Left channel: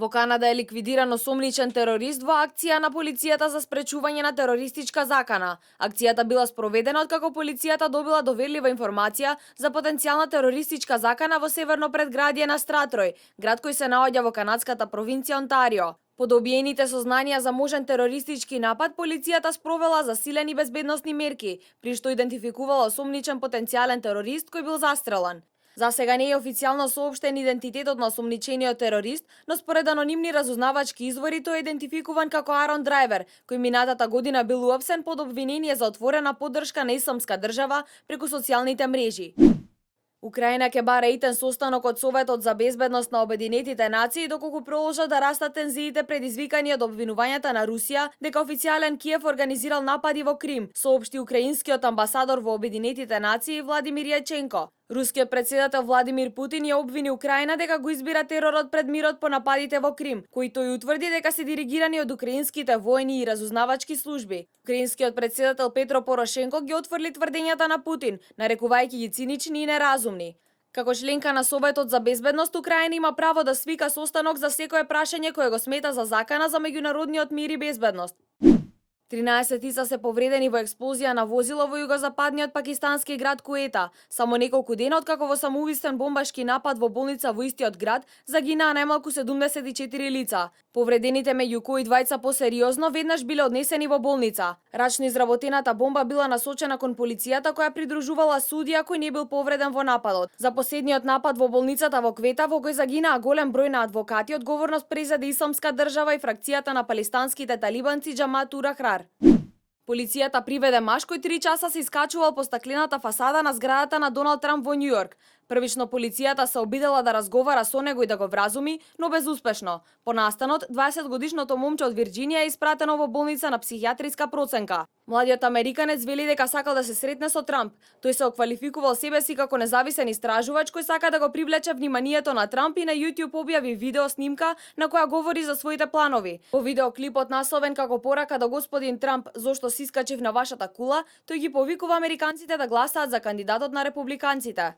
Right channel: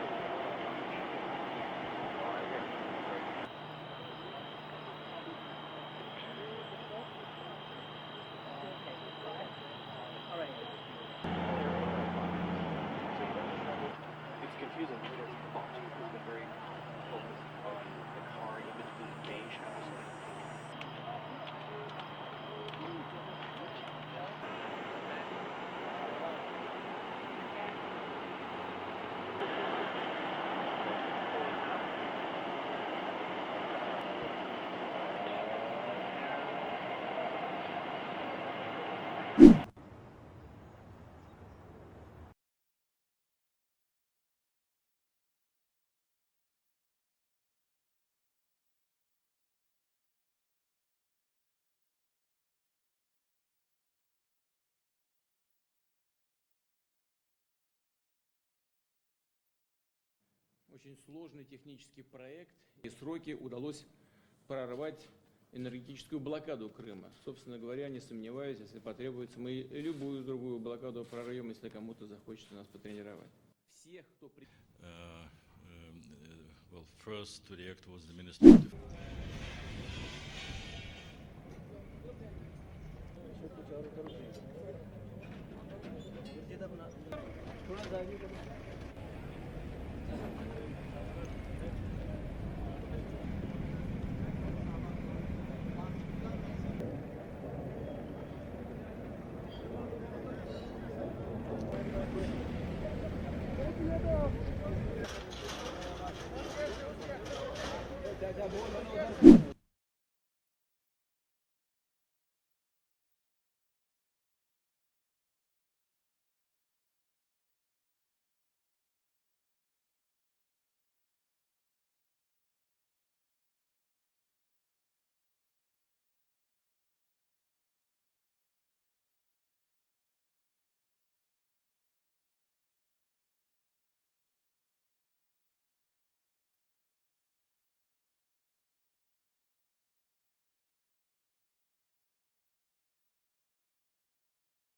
Во Канада е ликвидиран осомничен терорист во акција на полицијата за спречување на терористичка закана. Акцијата била спроведена откако полицијата добила доверлива информација за потенцијална терористичка закана во северно предградие на Стратрој, град кој се наоѓа во канадската провинција Онтарио. По добиените сознанија за можен терористички напад, полицијата спровела засилени безбедносни мерки, при што идентификувала осомничен потенцијален терорист кој бил застрелан. За сега не е официјално соопштен идентитетот на осомничениот терорист, но според анонимни разузнавачки извори тој е идентификуван како Арон Драйвер, кој минатата година бил уапсен под обвинение за отворена поддршка на Исламска држава преку социјалните мрежи. Украина ќе бара итен состанок од Советот за безбедност на Обединетите нации доколку продолжат да растат тензиите предизвикани од обвинувањата на Русија дека официјален Киев организирал напади во Крим, соопшти украинскиот амбасадор во Обединетите нации Владимир Јаченко. Рускиот председател Владимир Путин ја обвини Украина дека го избира теророт пред мирот по нападите во Крим, кои тој утврди дека се диригирани од украинските војни и разузнавачки служби. Украинскиот председател Петро Порошенко ги отфрли тврдењата на Путин, нарекувајќи ги цинични и неразумни. Како членка на Советот за безбедност, Украина има право да свика состанок за секое прашање кое го смета за закана за меѓународниот мир и безбедност. 13 лица се повредени во експлозија на возило во југозападниот пакистански град Куета. Само неколку дена откако во самоубиствен бомбашки напад во болница во истиот град загинаа најмалку 74 лица. Повредените меѓу кои двајца посериозно веднаш биле однесени во болница. Рачно изработената бомба била насочена кон полицијата која придружувала судија кој не бил повреден во нападот. За последниот напад во болницата во Квета во кој загинаа голем број на адвокати, одговорност презеде Исламска држава и фракцијата на палестанските талибанци Џамат ул-Ахрар. Полицијата приведе маж кој 3 часа се искачувал по стаклената фасада на зградата на Доналд Трамп во Њујорк. Првично полицијата се обидела да разговара со него и да го вразуми, но безуспешно. По настанот, 20-годишното момче од Вирџинија е испратено во болница на психијатриска проценка. Младиот американец вели дека сакал да се сретне со Трамп. Тој се оквалификувал себе си како независен истражувач кој сака да го привлече вниманието на Трамп и на YouTube објави видео снимка на која говори за своите планови. Во видеоклипот насловен како порака до господин Трамп зошто си искачив на вашата кула, тој ги повикува американците да гласаат за кандидатот на републиканците.